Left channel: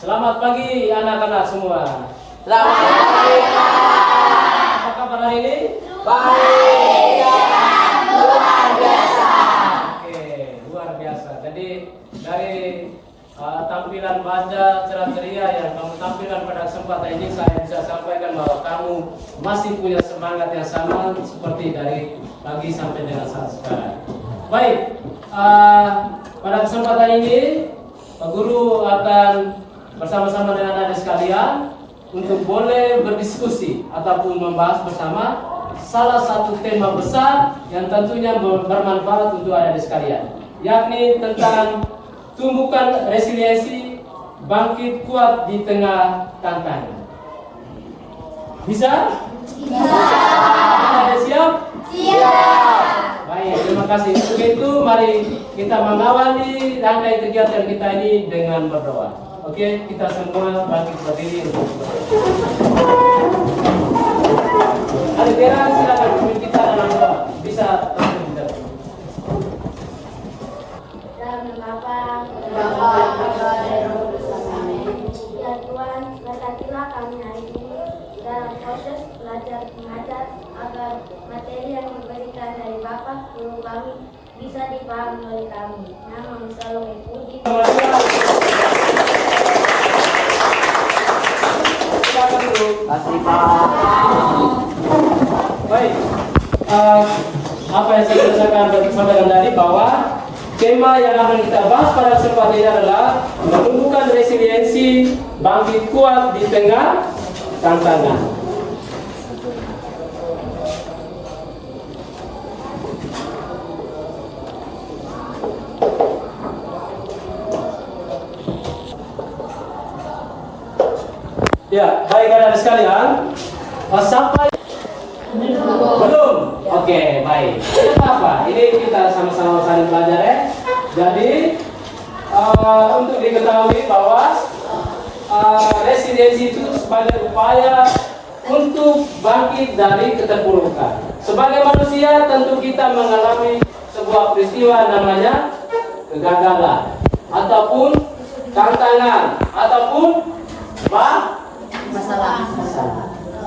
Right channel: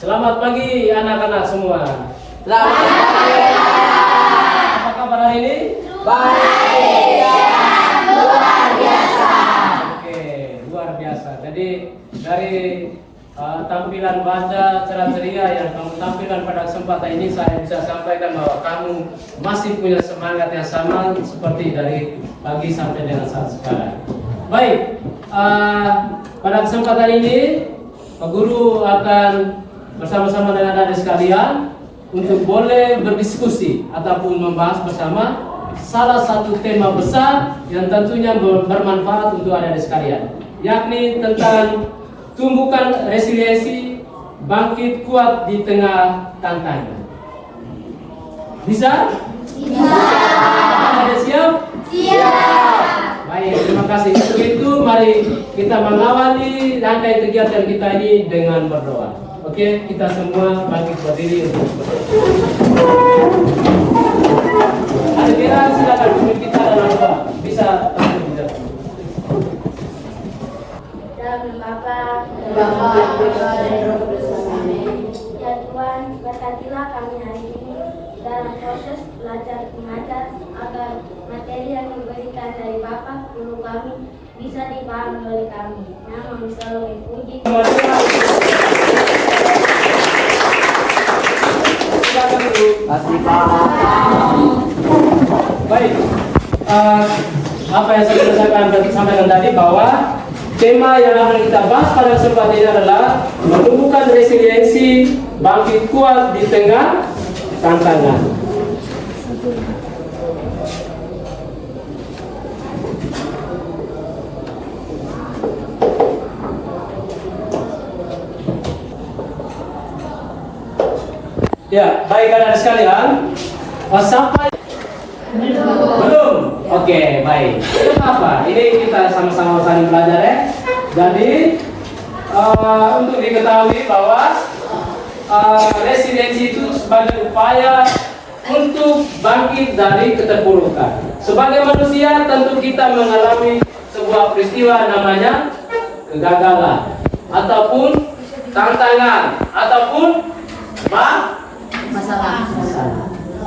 Selamat pagi anak-anak semua. Selamat pagi. Apa kabar hari ini? Baik. Luar biasa. Oke, luar biasa. Jadi dari tampilan bahasa ceria yang kamu tampilkan pada kesempatan ini, saya bisa sampaikan bahwa kamu masih punya semangat yang sama seperti dari pagi sampai dengan saat sekarang. Baik, pada kesempatan ini Pak Guru akan bersama-sama dengan adik sekalian untuk boleh berdiskusi ataupun membahas bersama salah satu tema besar yang tentunya bermanfaat untuk adik sekalian, yakni tentang tumbuhkan resiliensi, bangkit kuat di tengah tantangan. Bisa? Bisa. Ada siap? Siap. Baik, terima kasih. Untuk itu mari kita mengawali rangkaian kegiatan kita ini dengan berdoa. Oke, kita semua bangkit berdiri untuk berdoa. Al-Quran, silakan pimpin kita dalam doa. Bisa terus. Ya Tuhan, berkatilah kami hari ini dalam proses belajar mengajar agar materi yang diberikan dari Bapak Guru kami bisa dipahami oleh kami. Nama selalu dipuji. Baik, apa yang saya sampaikan tadi bahwa tema yang akan kita bahas pada kesempatan ini adalah menumbuhkan resiliensi, bangkit kuat di tengah tantangan. Ya, baik anak sekalian, sampai belum? Oke, baik. Itu apa? Ini kita sama-sama saling belajar ya. Jadi untuk diketahui bahwa resiliensi itu sebagai upaya untuk bangkit dari keterpurukan. Sebagai manusia tentu kita mengalami sebuah peristiwa namanya kegagalan ataupun tantangan ataupun masalah.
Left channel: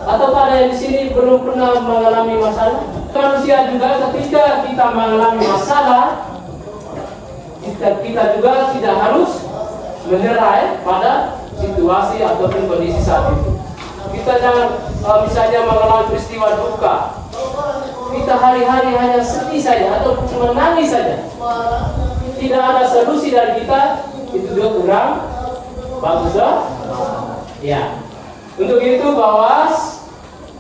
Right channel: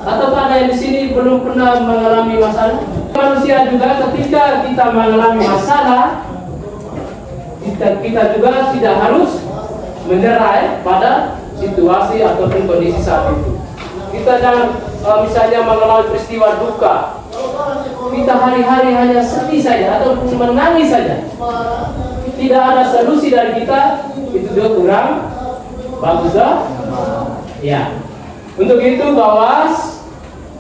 Atau ada yang di sini belum pernah mengalami masalah? Manusia juga ketika kita mengalami masalah, kita juga tidak harus menyerah pada situasi ataupun kondisi saat itu. Kita jangan misalnya mengalami peristiwa duka, kita hari-hari hanya sedih saja ataupun menangis saja. Tidak ada solusi dari kita, itu juga kurang bagus ya. Untuk itu bahwa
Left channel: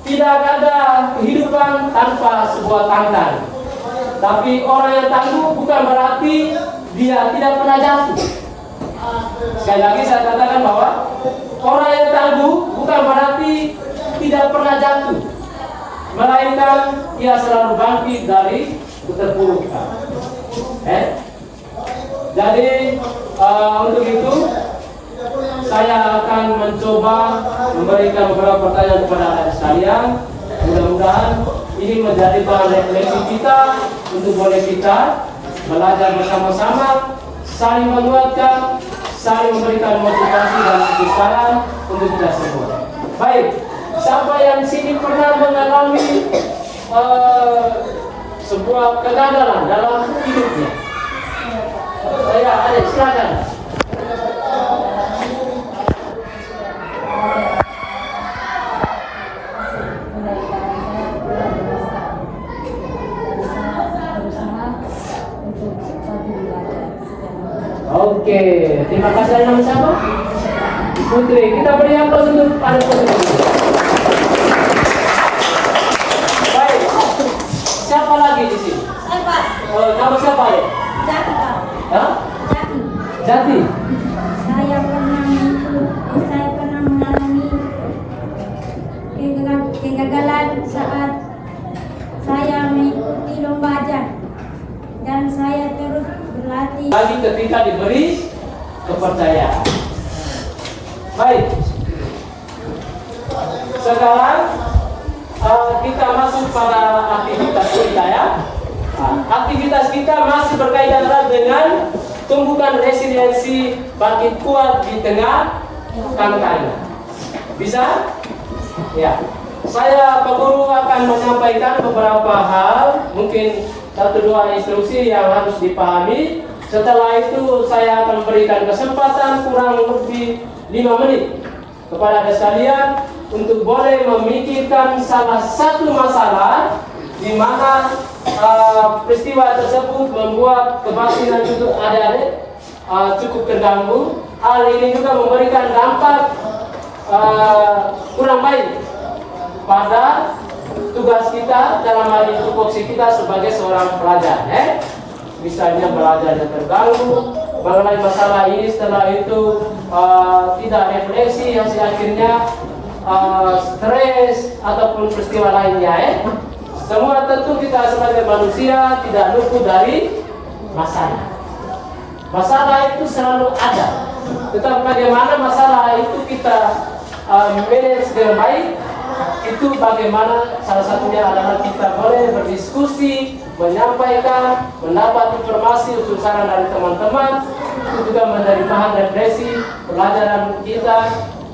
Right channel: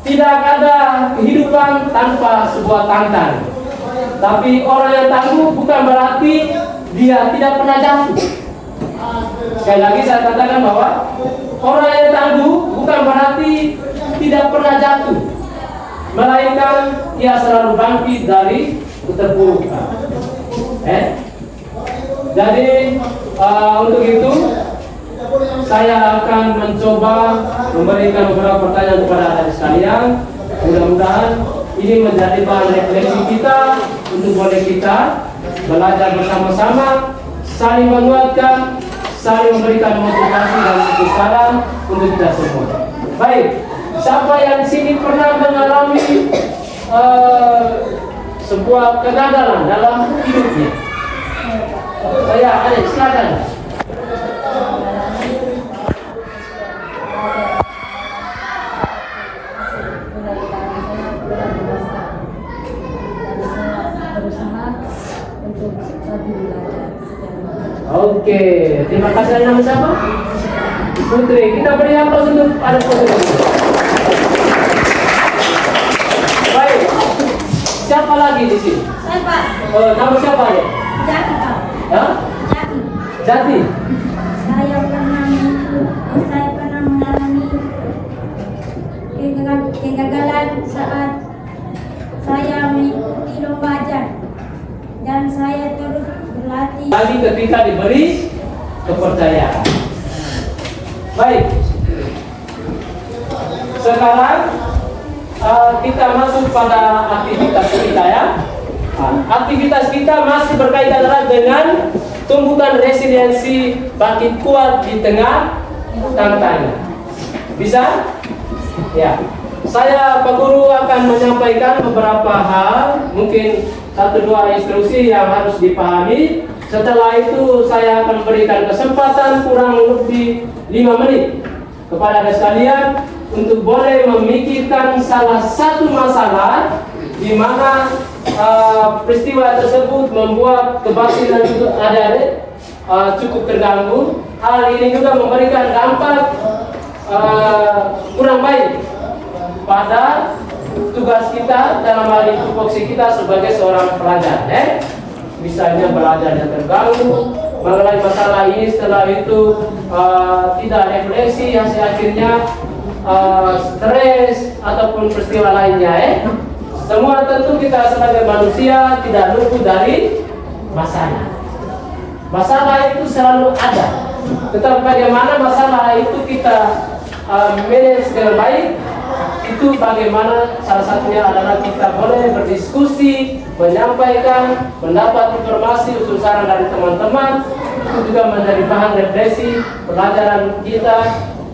tidak ada kehidupan tanpa sebuah tantangan. Tapi orang yang tangguh bukan berarti dia tidak pernah jatuh. Sekali lagi saya katakan bahwa orang yang tangguh bukan berarti tidak pernah jatuh, melainkan dia selalu bangkit dari keterpurukan. Jadi untuk itu saya akan mencoba memberikan beberapa pertanyaan kepada adik sekalian. Mudah-mudahan ini menjadi bahan refleksi kita untuk boleh kita belajar bersama-sama, saling menguatkan, saling memberikan motivasi dan kebesaran untuk kita semua. Baik, siapa yang di sini pernah mengalami sebuah kegagalan dalam hidupnya? Ayo, silakan. Oke, terima kasih. Nama siapa? Putri. Kita beri aplaus untuk pada Putri. Baik. Siapa lagi di sini? Siapa? Oh, nama siapa ya? Jati. Hah? Jati. Jati. Saya pernah mengalami kegagalan saat saya mengikuti lomba ajar dan saya terus berlatih. Tadi ketika diberi kepercayaan. Baik. Sekarang kita masuk pada aktivitas kita ya. Aktivitas kita masih berkaitan erat dengan tumbuhkan resiliensi, bangkit kuat di tengah tantangan. Bisa? Ya. Saya Pak Guru akan menyampaikan beberapa hal, mungkin 1-2 instruksi yang harus dipahami. Setelah itu saya akan berikan kesempatan kurang lebih 5 menit kepada Anda sekalian untuk boleh memikirkan salah satu masalah di mana peristiwa tersebut membuat kebatinan untuk adik-adik cukup terganggu. Hal ini juga memberikan dampak kurang baik pada tugas kita dalam hal ini tupoksi kita sebagai seorang pelajar. Misalnya belajarnya terganggu mengenai masalah ini, setelah itu tidak refleksi yang akhirnya stres ataupun peristiwa lainnya. Semua tentu kita sebagai manusia tidak luput dari masalah. Masalah itu selalu ada. Tetapi bagaimana masalah itu kita manage dengan baik, itu bagaimana salah satunya adalah kita boleh berdiskusi, menyampaikan, mendapat informasi, usul saran dari teman-teman, itu juga menjadi bahan refleksi pelajaran kita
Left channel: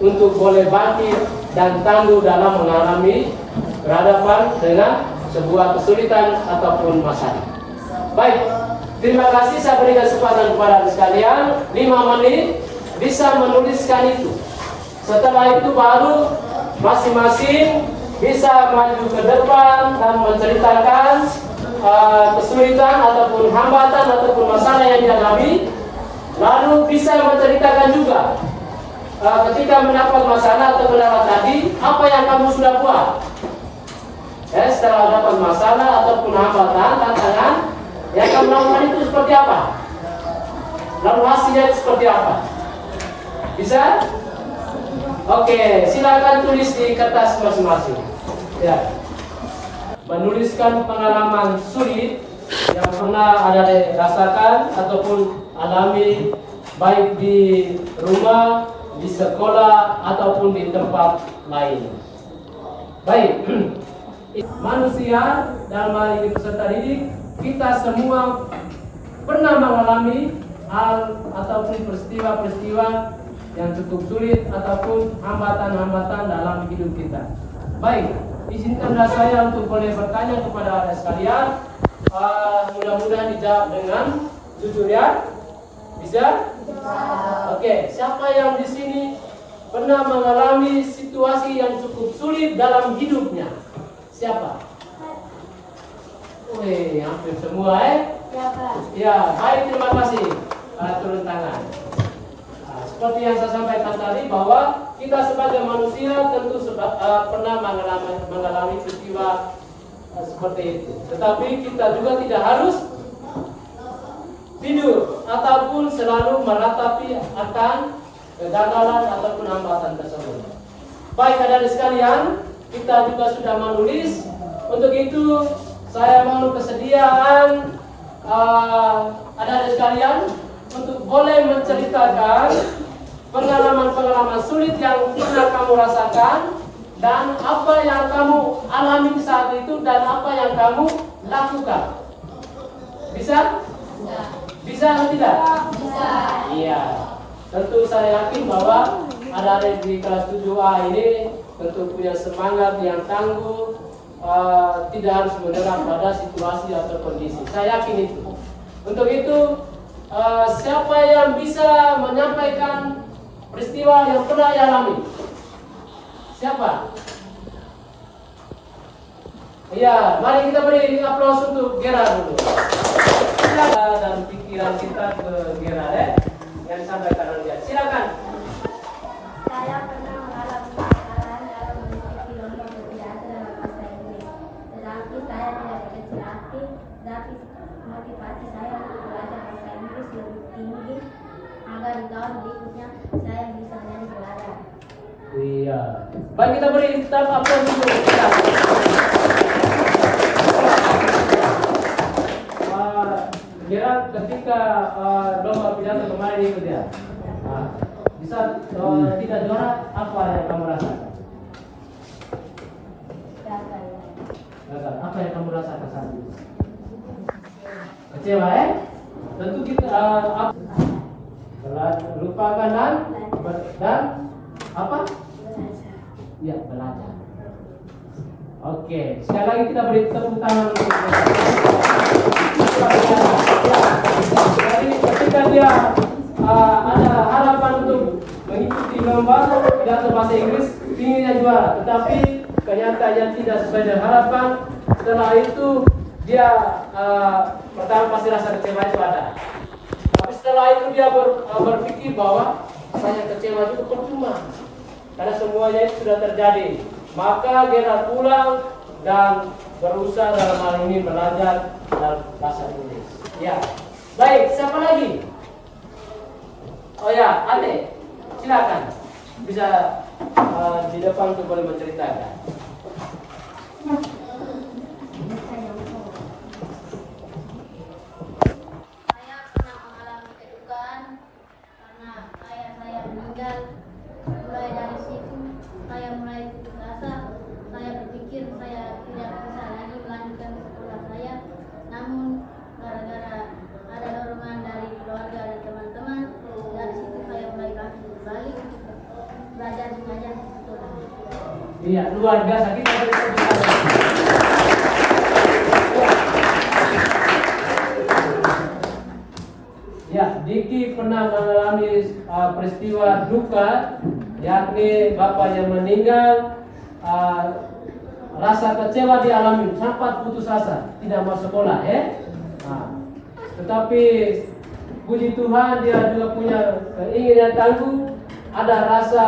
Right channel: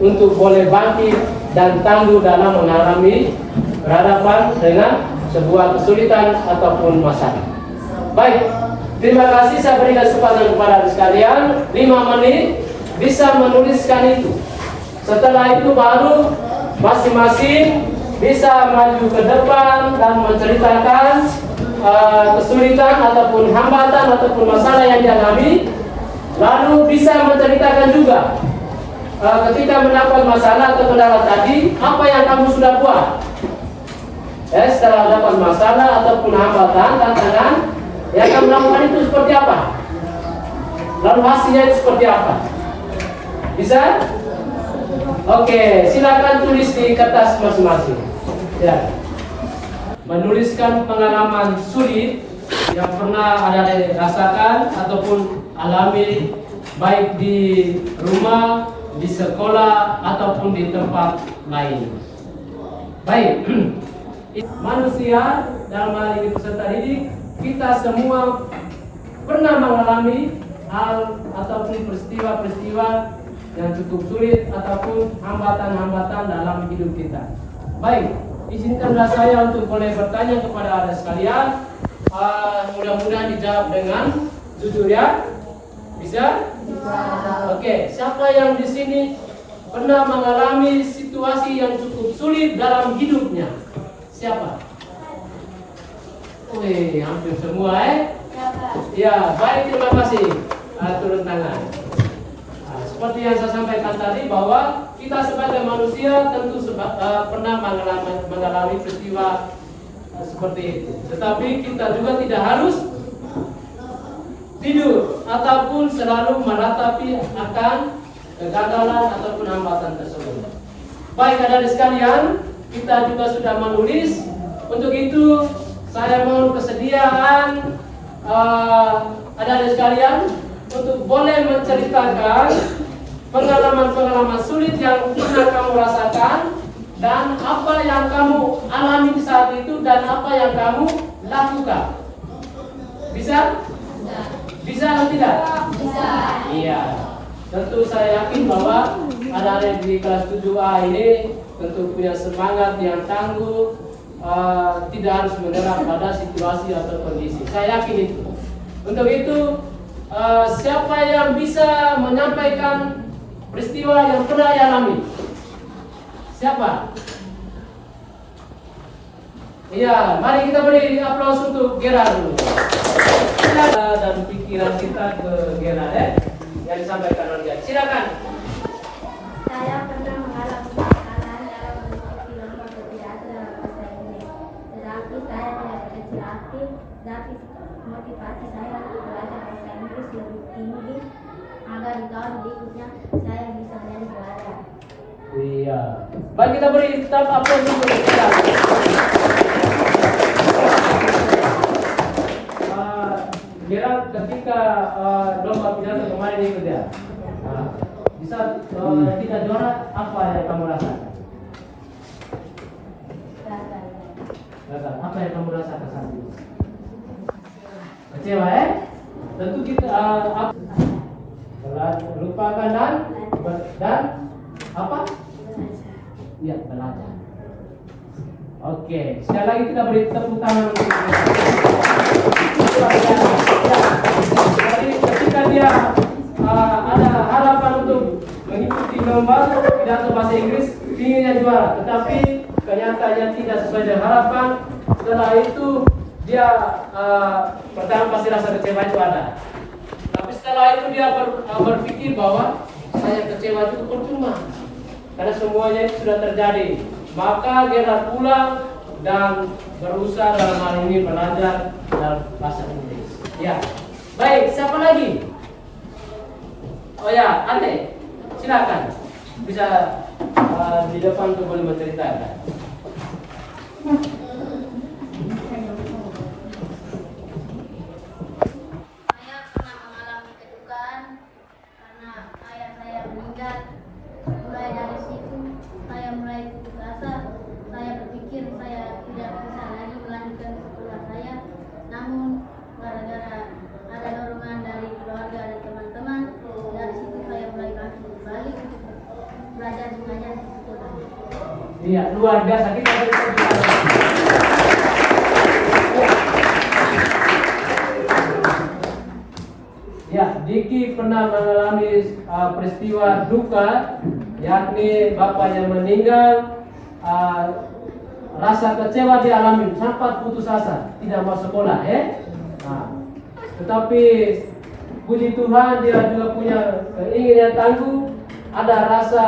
untuk boleh bangkit dan tangguh dalam mengalami berhadapan dengan sebuah kesulitan ataupun masalah. Baik, terima kasih. Saya berikan kesempatan kepada Anda sekalian 5 menit bisa menuliskan itu. Setelah itu baru masing-masing bisa maju ke depan dan menceritakan kesulitan ataupun hambatan ataupun masalah yang dialami. Lalu bisa menceritakan juga ketika mendapat masalah atau kendala tadi, apa yang kamu sudah buat. Setelah dapat masalah ataupun hambatan, tantangan, yang kamu lakukan itu seperti apa? Lalu hasilnya itu seperti apa? Bisa? Oke, silakan tulis di kertas masing-masing. Ya. Menuliskan pengalaman sulit yang pernah Anda rasakan ataupun alami, baik di rumah, di sekolah ataupun di tempat lain. Baik. Manusia dalam hal ini peserta didik, kita semua pernah mengalami hal ataupun peristiwa-peristiwa yang cukup sulit ataupun hambatan-hambatan dalam hidup kita. Baik, izinkanlah saya untuk boleh bertanya kepada Anda sekalian. Mudah-mudahan dijawab dengan jujur ya. Bisa? Oke, siapa yang di sini pernah mengalami situasi yang cukup sulit dalam hidupnya? Siapa? Wih, hampir semua Ya, baik, terima kasih. Turun tangan. Seperti yang saya sampaikan tadi bahwa kita sebagai manusia tentu pernah mengalami peristiwa seperti itu. Tetapi kita juga tidak harus tidur ataupun selalu meratapi akan kegagalan ataupun hambatan tersebut. Baik, adik-adik sekalian, kita juga sudah menulis. Untuk itu saya mau kesediaan adik-adik sekalian untuk boleh menceritakan pengalaman-pengalaman sulit yang pernah kamu rasakan dan apa yang kamu alami di saat itu dan apa yang kamu lakukan. Bisa? Bisa atau tidak? Bisa. Iya. Tentu saya yakin bahwa ada di kelas 7A ini tentu punya semangat yang tangguh, tidak harus menyerah pada situasi atau kondisi. Saya yakin itu. Untuk itu, siapa yang bisa menyampaikan peristiwa yang pernah dialami? Siapa? Iya, mari kita beri aplaus untuk Gera dulu. Dan pikiran kita ke Gera yang disampaikan oleh Gera. Silakan. Saya pernah mengalami kesalahan dalam mengikuti lomba berbiasa dalam bahasa Inggris. Tetapi saya tidak berkecil hati, tapi motivasi saya untuk belajar bahasa Inggris lebih tinggi agar di tahun berikutnya saya bisa menjadi pelajar. Iya. Baik, kita beri tepuk aplaus untuk Gera. Gera ketika lomba pidato kemarin ikut ya. Bisa tidak juara, apa yang kamu rasakan? Gagal. Apa yang kamu rasakan saat itu? Kecewa Tentu kita lupakan dan dia belajar. Oke, sekali lagi kita beri tepuk tangan untuk mereka. Jadi ketika dia ada harapan untuk mengikuti lomba pidato bahasa Inggris, inginnya juara, tetapi kenyataannya tidak sesuai dengan harapan. Setelah itu dia pertama pasti rasa kecewa itu ada. Tapi setelah itu dia berpikir bahwa saya kecewa itu percuma, karena semuanya itu sudah terjadi. Maka dia pulang dan berusaha dalam hal ini belajar bahasa Inggris. Ya, baik. Siapa lagi? Oh ya, Ade, silakan bisa di depan untuk boleh menceritakan. Saya pernah mengalami kedukaan karena ayah saya meninggal. Mulai dari situ saya mulai putus asa. Saya berpikir saya tidak bisa lagi melanjutkan sekolah saya. Namun gara-gara ada dorongan dari keluarga dan teman-teman, dari situ saya mulai bangkit kembali untuk belajar mengajar di sekolah. Iya, luar biasa. Kita ya, Diki pernah mengalami peristiwa duka, yakni bapaknya meninggal. Rasa kecewa dialami, sempat putus asa, tidak mau sekolah, tetapi puji Tuhan dia juga punya keinginan tangguh, ada rasa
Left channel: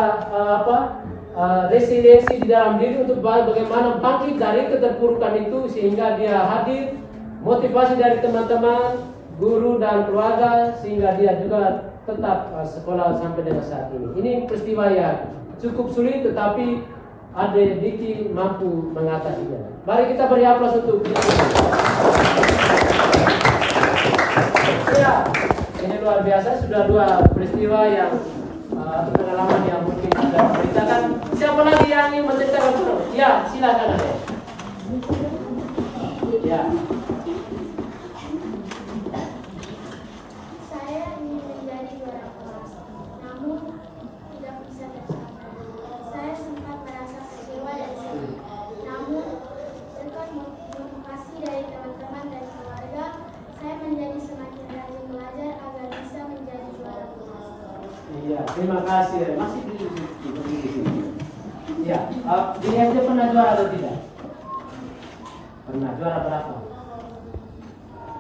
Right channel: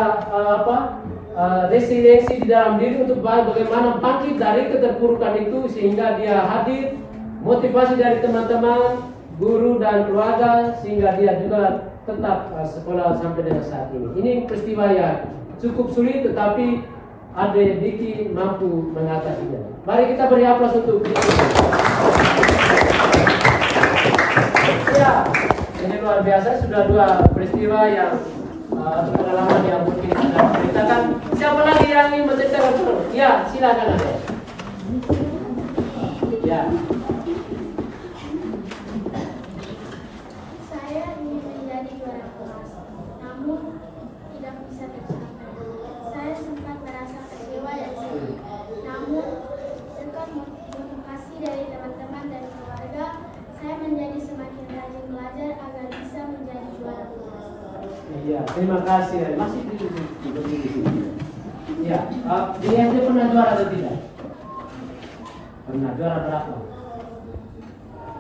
resiliensi di dalam diri untuk bagaimana bangkit dari keterpurukan itu, sehingga dia hadir, motivasi dari teman-teman, guru dan keluarga, sehingga dia juga tetap sekolah sampai dengan saat ini. Ini peristiwa yang cukup sulit, tetapi Ade Diki mampu mengatasinya. Mari kita beri aplaus untuk Diki. Ya, ini luar biasa. Sudah dua peristiwa yang pengalaman yang mungkin sudah ceritakan. Siapa lagi yang ingin menceritakan dulu? Ya, silakan Ade. Ya. Saya ingin menjadi juara kelas, namun tidak bisa tercapai. Saya sempat merasa kecewa dan sedih. Namun berkat motivasi dari teman-teman dan keluarga, saya menjadi semakin rajin belajar agar bisa menjadi juara kelas. Iya, terima kasih. Masih di sini. Ya, di SD pernah juara atau tidak? Pernah. Juara berapa?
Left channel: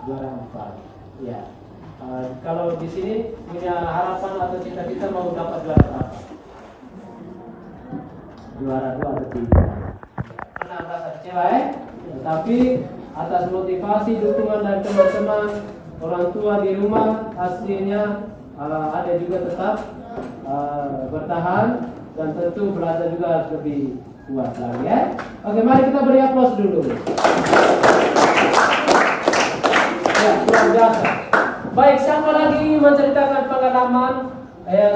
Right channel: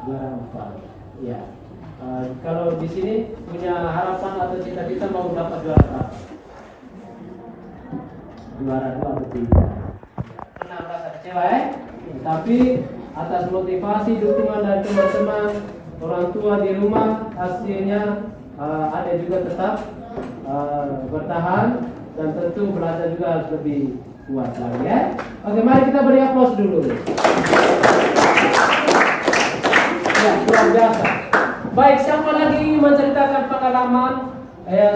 Juara 4. Ya. Kalau di sini punya harapan atau cita-cita mau dapat juara berapa? Juara 2 atau 3. Pernah merasa kecewa Tapi atas motivasi dukungan dari teman-teman, orang tua di rumah, hasilnya ada juga tetap bertahan dan tentu belajar juga harus lebih kuat lagi ya. Oke, mari kita beri aplaus dulu. Ya, luar biasa. Baik, siapa lagi ingin menceritakan pengalaman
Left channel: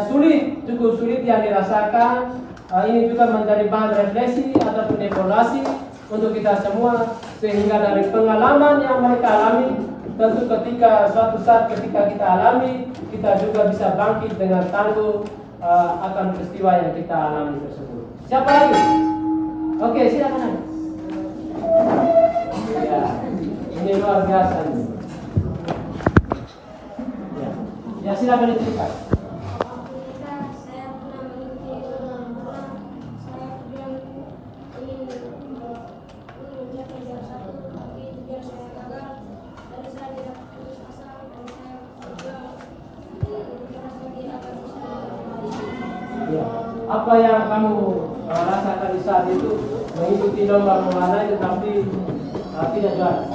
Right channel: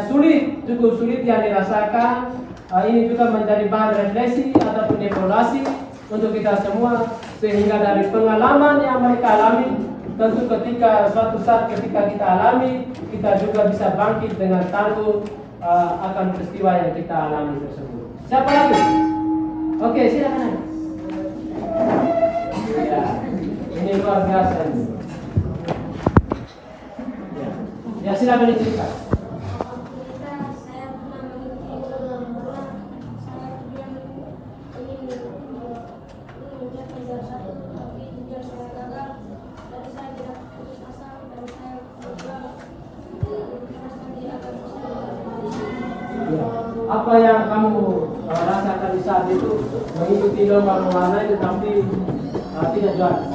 sulit, cukup sulit yang dirasakan? Ini juga menjadi bahan refleksi ataupun evaluasi untuk kita semua, sehingga dari pengalaman yang mereka alami, tentu ketika suatu saat ketika kita alami, kita juga bisa bangkit dengan tangguh akan peristiwa yang kita alami tersebut. Siapa lagi? Oke, silakan. Ya, ini luar biasa ini. Ya, silakan diceritakan. Apa yang kamu rasakan di saat itu mengikuti lomba mewarnai tetapi tidak juara?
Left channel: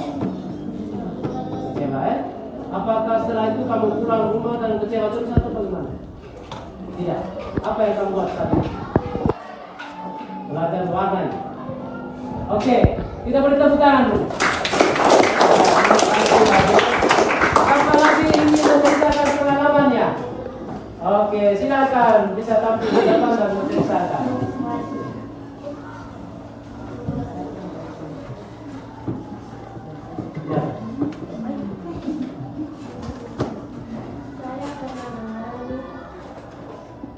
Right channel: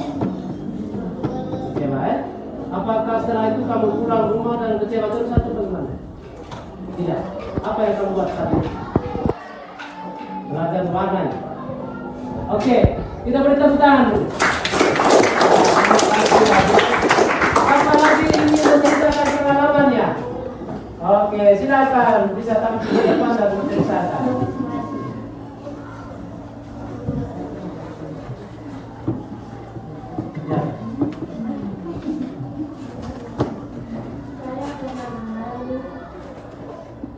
Kecewa Apakah setelah itu kamu pulang rumah dan kecewa terus atau bagaimana? Tidak. Apa yang kamu buat saat itu? Belajar mewarnai. Oke, kita beri tepuk tangan dulu. Apa lagi ingin menceritakan pengalamannya? Oke, silakan bisa tampil di depan dan menceritakan. Ya. Saya pernah mengalami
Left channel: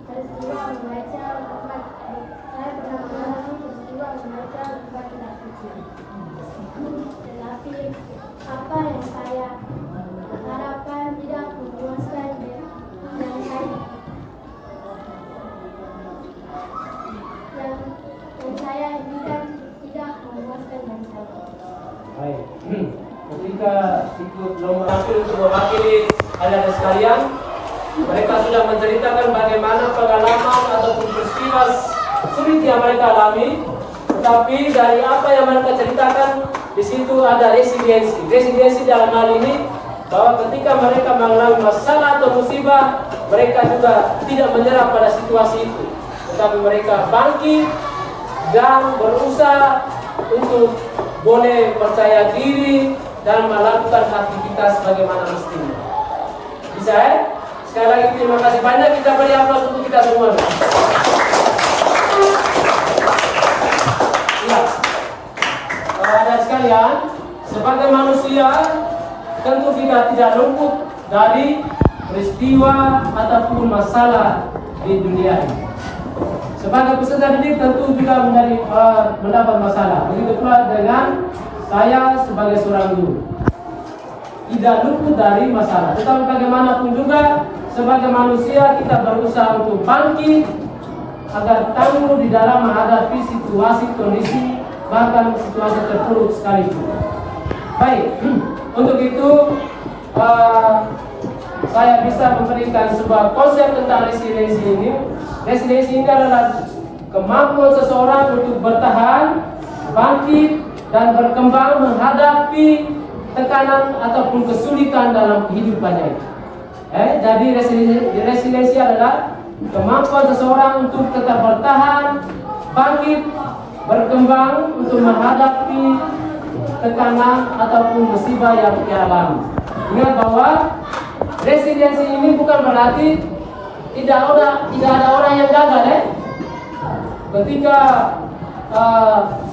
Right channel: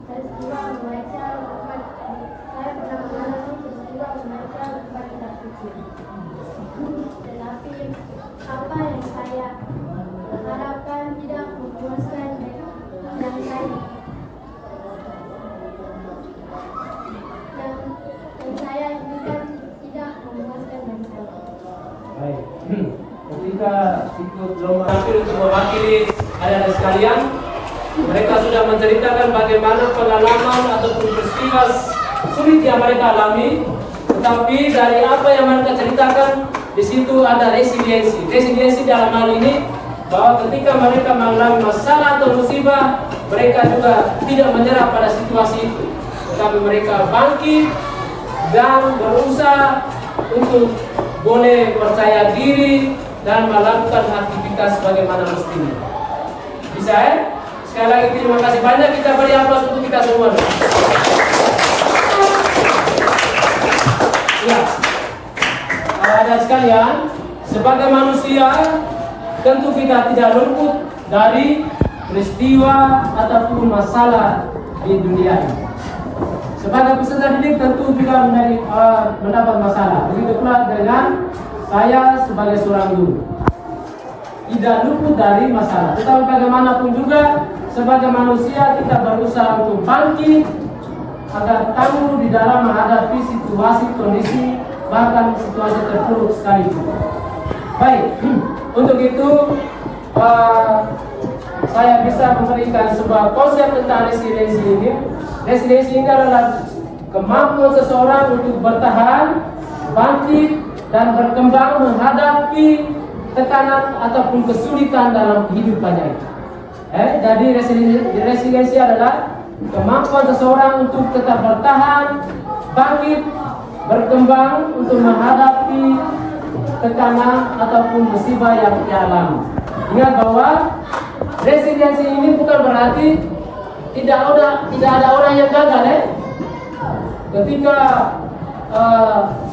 peristiwa membaca, saya pernah mengalami saya bukan tidak memuaskan masalah. Baik. Ketika ikut lomba tampil untuk mewakili adik-adik sekalian, mereka sudah menceritakan bagaimana pengalaman ataupun peristiwa sulit yang mereka alami. Tetapi dari apa yang mereka ceritakan, di situ ada resiliensi. Resiliensi dalam hal ini bahwa ketika mereka mengalami masalah atau musibah, mereka juga tidak menyerah pada situasi itu, tetapi mereka bangkit dan berusaha untuk boleh percaya diri dan melakukan aktivitas bagaimana mestinya. Bisa ya? Sekali lagi terima kasih banyak, kita beri aplaus untuk kita semua. Ya, ada sekalian, sebagai manusia tentu kita tidak luput dari peristiwa ataupun masalah di dunia ini. Sebagai peserta didik tentu juga mendapat masalah. Begitu pula dengan saya sebagai seorang guru, tidak luput dari masalah. Tetapi bagaimanapun juga sebagai manusia kita berusaha untuk bangkit agar tangguh di dalam menghadapi situasi kondisi bahkan situasi terpuruk sekalipun. Baik, untuk itu saya bisa memberikan sebuah konsep tentang resiliensi ini. Resiliensi ini adalah kemampuan seseorang untuk bertahan, bangkit, dan berkembang menghadapi tekanan ataupun kesulitan dalam kehidupannya itu. Jadi resiliensi adalah kemampuan seseorang untuk tetap bertahan, bangkit, berkembang untuk menghadapi tekanan ataupun musibah yang dialami. Ingat bahwa resiliensi ini bukan berarti tidak ada orang yang gagal. Ketika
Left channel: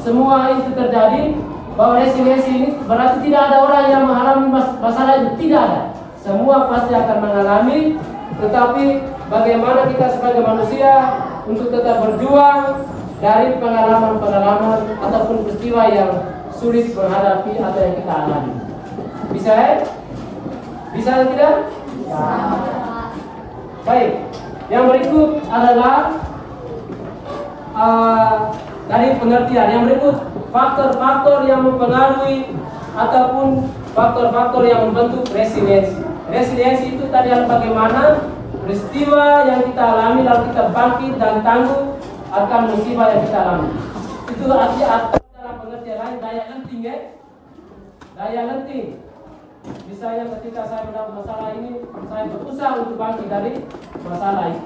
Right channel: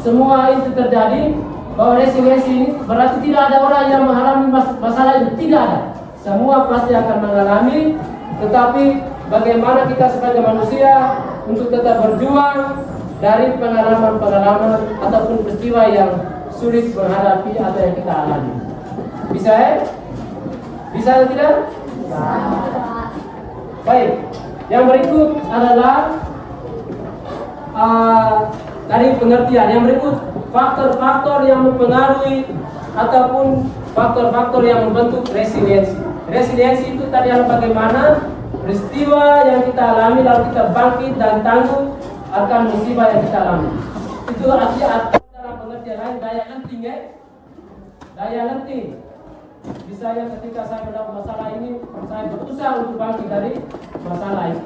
semua itu terjadi, bahwa resiliensi ini berarti tidak ada orang yang mengalami masalah itu, tidak ada. Semua pasti akan mengalami, tetapi bagaimana kita sebagai manusia untuk tetap berjuang dari pengalaman-pengalaman ataupun peristiwa yang sulit menghadapi atau yang kita alami. Bisa ya? Bisa atau tidak? Baik, yang berikut adalah dari pengertian. Yang berikut faktor-faktor yang mempengaruhi ataupun faktor-faktor yang membentuk resiliensi. Resiliensi itu tadi adalah bagaimana peristiwa yang kita alami lalu kita bangkit dan tangguh akan musibah yang kita alami. Itu artinya dalam pengertian lain daya lenting ya. Daya lenting. Misalnya ketika saya mendapat masalah ini, saya berusaha untuk bangkit dari masalah itu.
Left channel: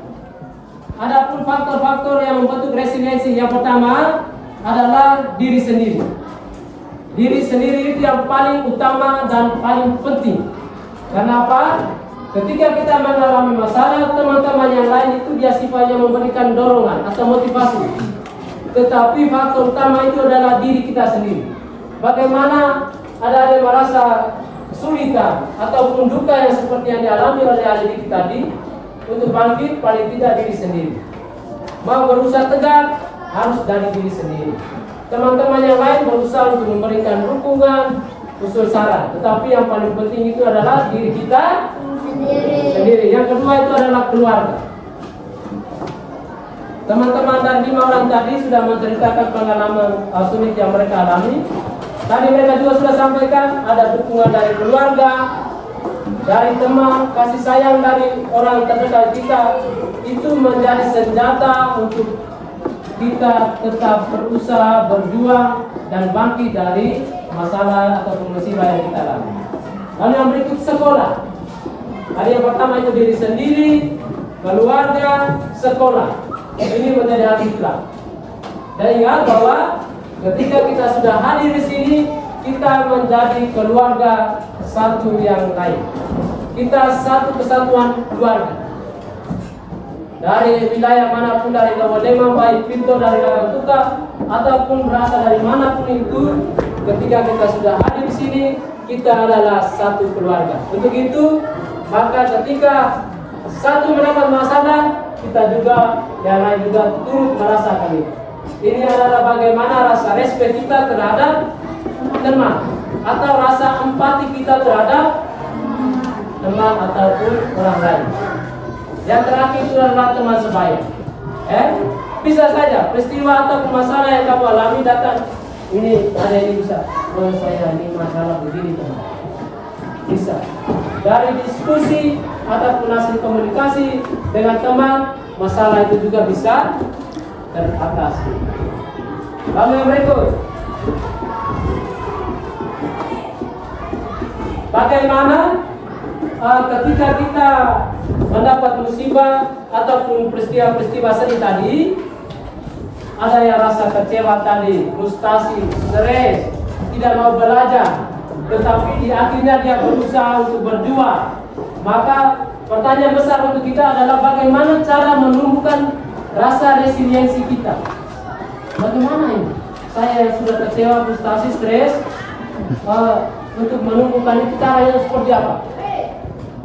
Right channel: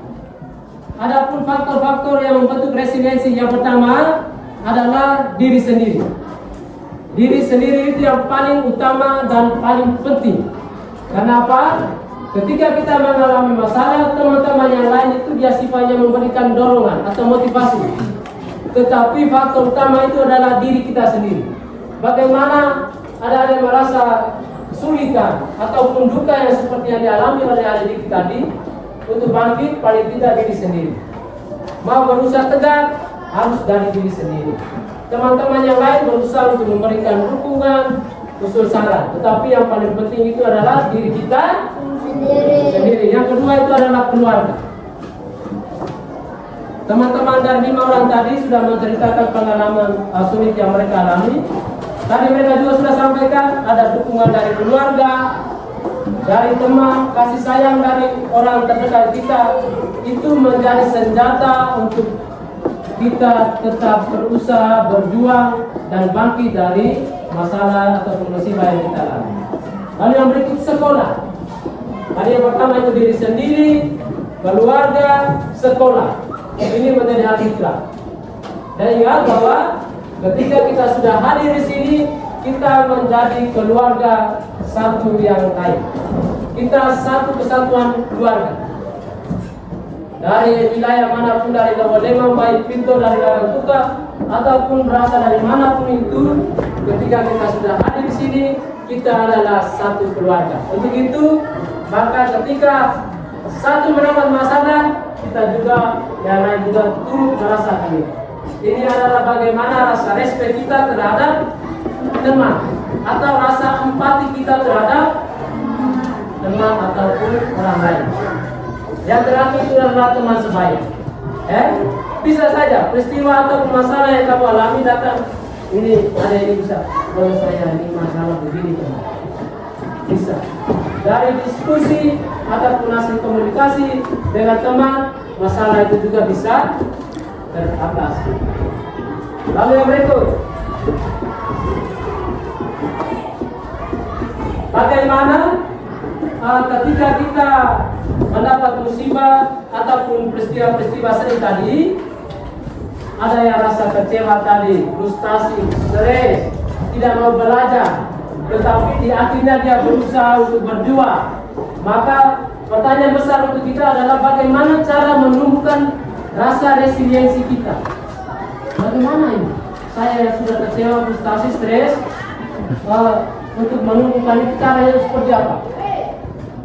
Adapun faktor-faktor yang membentuk resiliensi, yang pertama adalah diri sendiri. Diri sendiri itu yang paling utama dan paling penting. Kenapa? Ketika kita mengalami masalah, teman-teman yang lain itu dia sifatnya memberikan dorongan atau motivasi. Tetapi faktor utama itu adalah diri kita sendiri. Bagaimana ada yang merasa kesulitan ataupun duka yang seperti yang dialami oleh adik tadi, untuk bangkit paling tidak diri sendiri. Mau berusaha tegak harus dari diri sendiri. Teman-teman yang lain berusaha untuk memberikan dukungan, usul saran, tetapi yang paling penting itu adalah diri kita sendiri. Yang kedua itu adalah keluarga. Teman-teman dan 5 orang tadi sudah menceritakan pengalaman sulit yang mereka alami. Tadi mereka juga sudah sampaikan ada dukungan dari keluarga, dari teman, kasih sayang dari orang terdekat kita. Itu menjadi senjata untuk kita tetap berusaha, berjuang, dan bangkit dari masalah atau musibah yang kita alami. Lalu yang berikut sekolah. Tadi yang pertama itu diri sendiri, keluarga, sekolah. Ini menjadi hal ikrar. Dan ingat bahwa ketika kita sudah hadir di sini, kita menjadi keluarga satu yang lain. Kita satu kesatuan keluarga. Dari wilayah manapun, dari Lewolema, baik Pinto, dari Larantuka, ataupun berasal dari manapun itu, ketika kita sudah hadir di sini, kita adalah satu keluarga. Untuk itu, maka ketika satu mendapat masalah, kita juga yang lain juga turut merasakan itu. Ini adalah bagaimana rasa respect kita terhadap teman, atau rasa empati kita terhadap teman ataupun orang lain. Yang terakhir itu adalah teman sebaya. Bisa saja peristiwa atau masalah yang kamu alami datang, ini ada ini bisa, oh saya ini masalah begini teman. Bisa dari diskusi ataupun hasil komunikasi dengan teman, masalah itu juga bisa teratasi. Lalu yang berikut, bagaimana ketika kita mendapat musibah ataupun peristiwa-peristiwa sedih tadi, ada yang rasa kecewa tadi, frustasi, stres, tidak mau belajar, tetapi di akhirnya dia berusaha untuk berjuang. Maka pertanyaan besar untuk kita adalah bagaimana cara menumbuhkan rasa resiliensi kita. Bagaimana ini? Saya yang sudah kecewa, frustasi, stres, untuk menumbuhkan itu caranya seperti apa?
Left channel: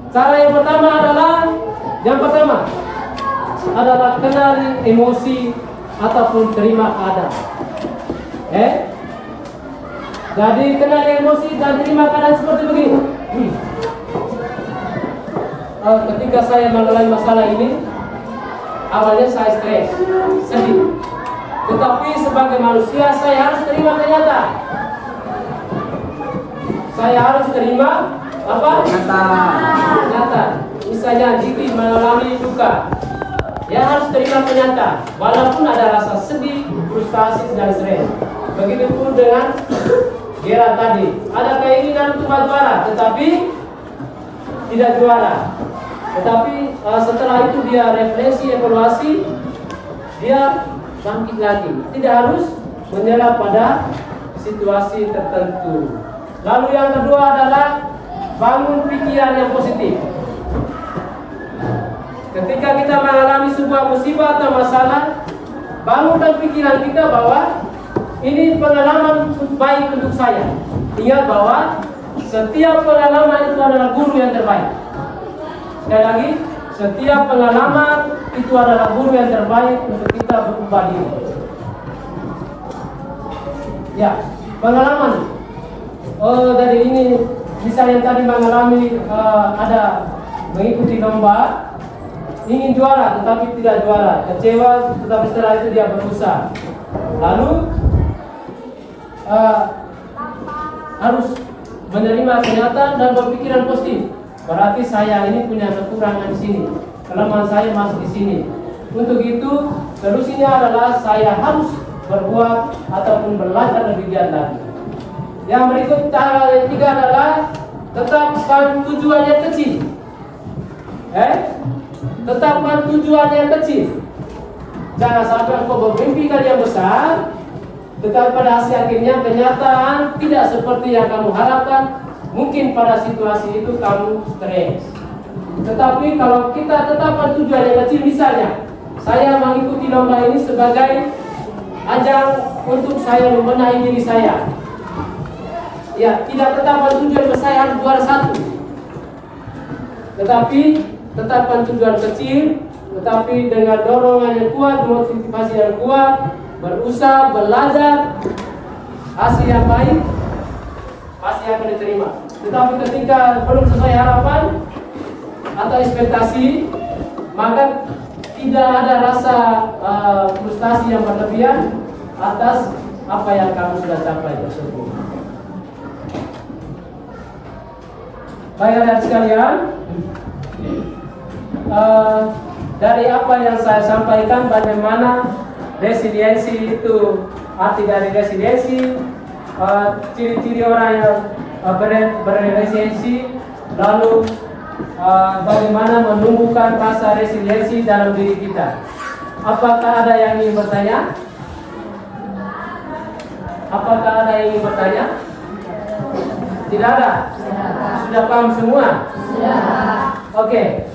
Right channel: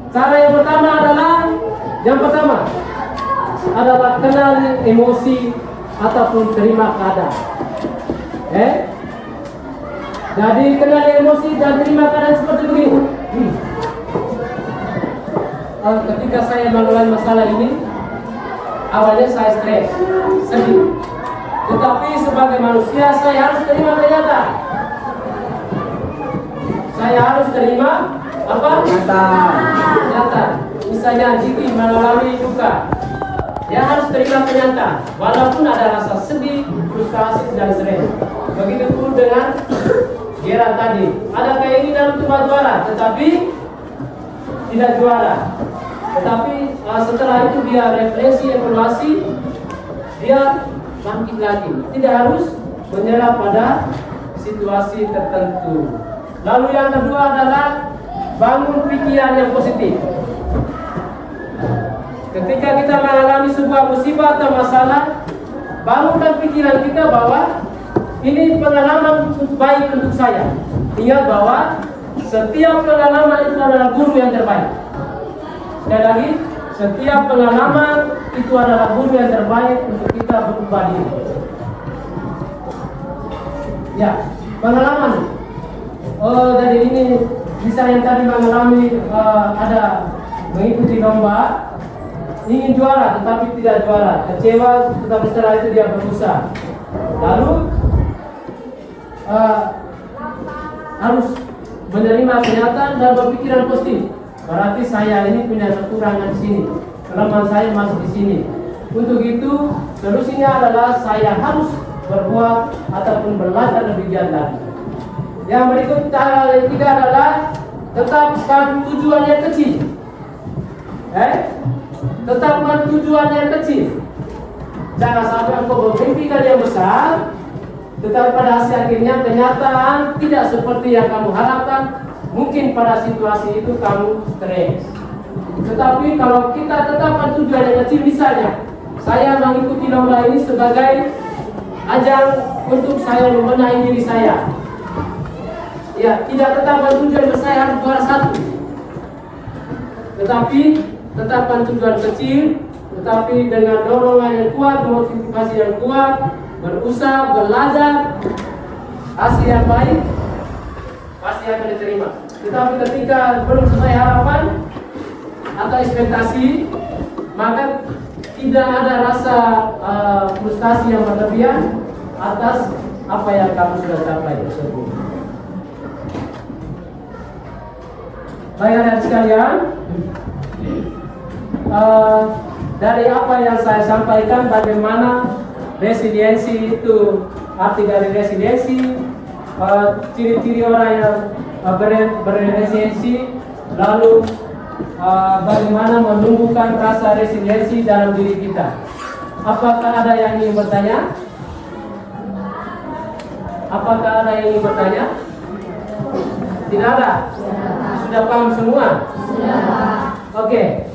Cara yang pertama adalah kenali emosi ataupun terima keadaan. Jadi kenali emosi dan terima keadaan seperti begini. Ketika saya mengalami masalah ini, awalnya saya stres, sedih. Tetapi sebagai manusia saya harus terima kenyataan. Saya harus terima apa? Kenyataan. Misalnya Jiki mengalami duka, ya harus terima kenyataan. Walaupun ada rasa sedih, frustasi dan stres. Begitu pun dengan Gera tadi, ada keinginan untuk juara, tetapi tidak juara. Tetapi setelah itu dia refleksi, evaluasi, dia bangkit lagi. Tidak harus menyerah pada situasi tertentu. Lalu yang kedua adalah bangun pikiran yang positif. Ketika kita mengalami sebuah musibah atau masalah, bangunkan pikiran kita bahwa ini pengalaman baik untuk saya. Ingat bahwa setiap pengalaman itu adalah guru yang terbaik. Sekali lagi, setiap pengalaman itu adalah guru yang terbaik untuk kita berubah diri. Ya, pengalaman. Jadi ini misalnya tadi mengalami ada mengikuti lomba, ingin juara tetapi tidak juara, kecewa, tetapi setelah itu dia berusaha. Lalu harus menerima kenyataan dan berpikiran positif. Berarti saya ini punya kekurangan di sini, kelemahan saya masuk di sini. Untuk itu solusinya adalah saya harus berbuat ataupun belajar lebih giat lagi. Yang berikut cara yang ketiga adalah tetapkan tujuan yang kecil. Tetapkan tujuan yang kecil. Jangan sampai engkau bermimpikan yang besar, tetapi pada hasil akhirnya kenyataan tidak seperti yang kamu harapkan. Mungkin pada situasi itu kamu stres. Tetapi kalau kita tetapkan tujuan yang kecil, misalnya saya mengikuti lomba ini sebagai ajang untuk saya membenahi diri saya. Ya, tidak tetapkan tujuan saya harus juara satu. Tetapi tetapkan tujuan kecil, tetapi dengan dorongan yang kuat, motivasi yang kuat, berusaha, belajar, hasil yang baik pasti akan diterima. Tetapi ketika belum sesuai harapan atau ekspektasi, maka tidak ada rasa frustasi yang berlebihan atas apa yang kamu sudah capai tersebut. Baik anak sekalian, dari apa yang saya sampaikan, bagaimana resiliensi itu, arti dari resiliensi, ciri-ciri orang yang berresiliensi, lalu bagaimana menumbuhkan rasa resiliensi dalam diri kita. Apakah ada yang ingin bertanya? Apakah ada yang ingin bertanya? Tidak ada? Sudah paham semua? Oke.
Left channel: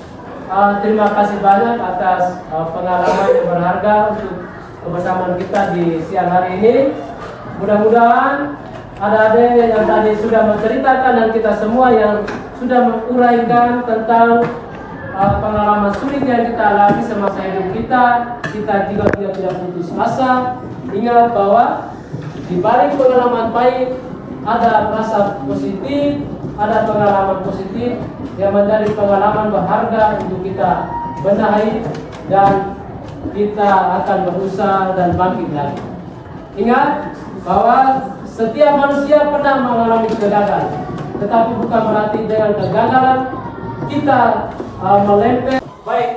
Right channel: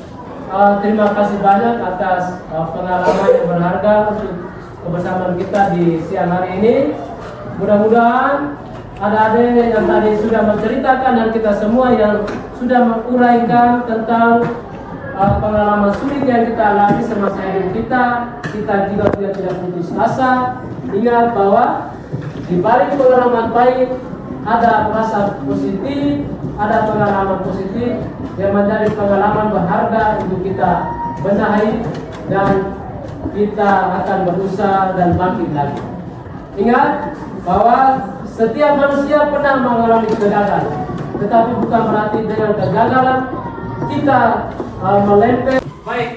Terima kasih banyak atas pengalaman yang berharga untuk kebersamaan kita di siang hari ini. Mudah-mudahan ada yang tadi sudah menceritakan dan kita semua yang sudah menguraikan tentang pengalaman sulit yang kita alami semasa hidup kita juga tidak putus asa. Ingat bahwa di balik pengalaman baik ada rasa positif, ada pengalaman positif yang menjadi pengalaman berharga untuk kita benahi dan kita akan berusaha dan bangkit lagi. Ingat bahwa setiap manusia pernah mengalami kegagalan, tetapi bukan berarti dengan kegagalan kita melempar. Baik,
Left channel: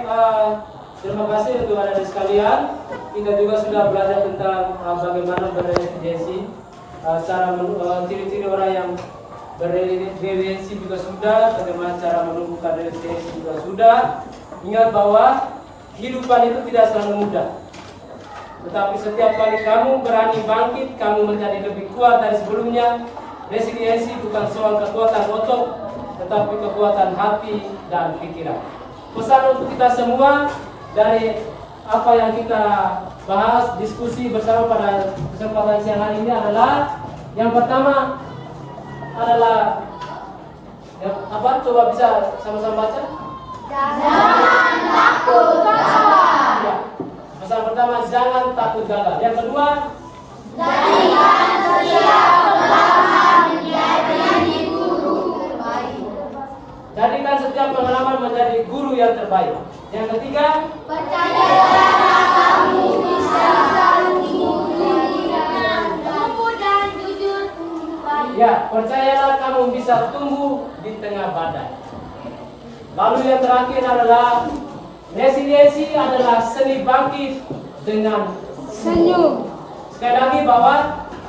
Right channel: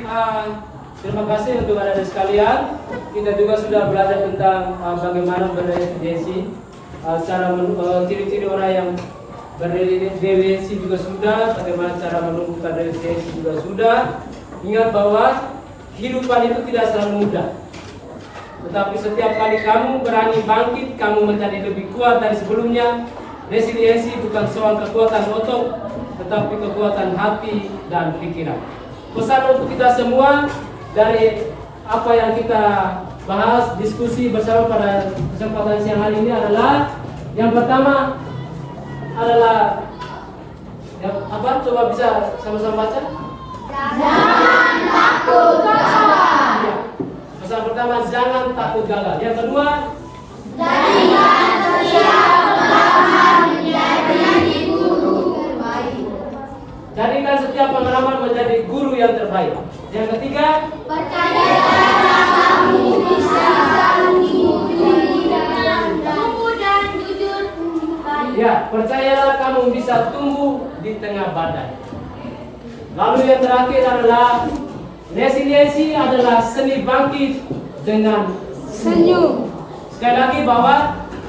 terima kasih untuk adik-adik sekalian. Kita juga sudah belajar tentang bagaimana berresiliensi, cara ciri-ciri orang yang berresiliensi juga sudah, bagaimana cara menumbuhkan resiliensi juga sudah. Ingat bahwa kehidupan itu tidak selalu mudah. Tetapi setiap kali kamu berani bangkit, kamu menjadi lebih kuat dari sebelumnya. Resiliensi bukan soal kekuatan otot, tetapi kekuatan hati dan pikiran. Pesan untuk kita semua dari apa yang kita bahas, diskusi bersama pada kesempatan siang hari ini adalah yang pertama adalah apa? Coba bisa sama-sama baca. Jangan takut gagal. Ya. Pesan pertama, jangan takut gagal. Yang kedua, Jadikan setiap pengalaman menjadi guru terbaik. jadikan setiap pengalaman menjadi guru yang terbaik. Yang ketiga, Percayalah kamu bisa tumbuh dan jujur. ya, percayalah kamu bisa tumbuh di tengah badai. Lalu yang terakhir adalah resiliensi adalah seni bangkit dengan senyum. Sekali lagi bahwa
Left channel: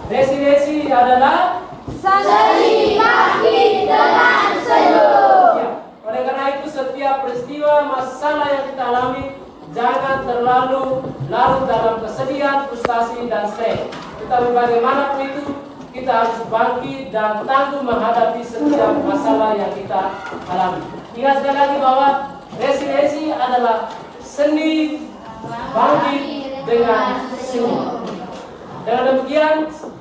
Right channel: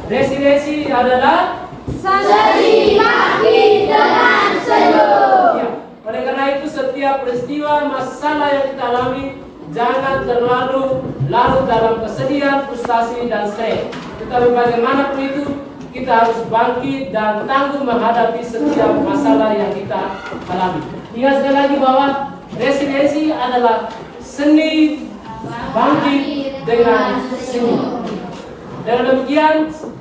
resiliensi adalah Seni bangkit dengan senyum. ya. Oleh karena itu setiap peristiwa masalah yang kita alami jangan terlalu larut dalam kesedihan, frustasi dan stres. Tetapi bagaimanapun itu kita harus bangkit dan tangguh menghadapi setiap masalah yang kita alami. Ingat sekali lagi bahwa resiliensi adalah seni bangkit dengan senyum. Dengan demikian,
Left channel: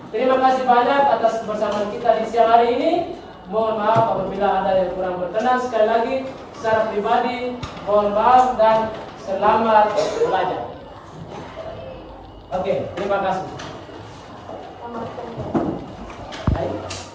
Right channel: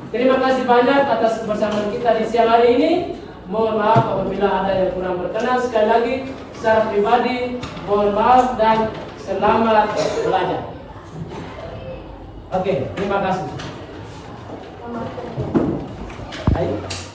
terima kasih banyak atas kebersamaan kita di siang hari ini. Mohon maaf apabila ada yang kurang berkenan. Sekali lagi, secara pribadi, mohon maaf dan selamat belajar. Oke, terima kasih. Ayo.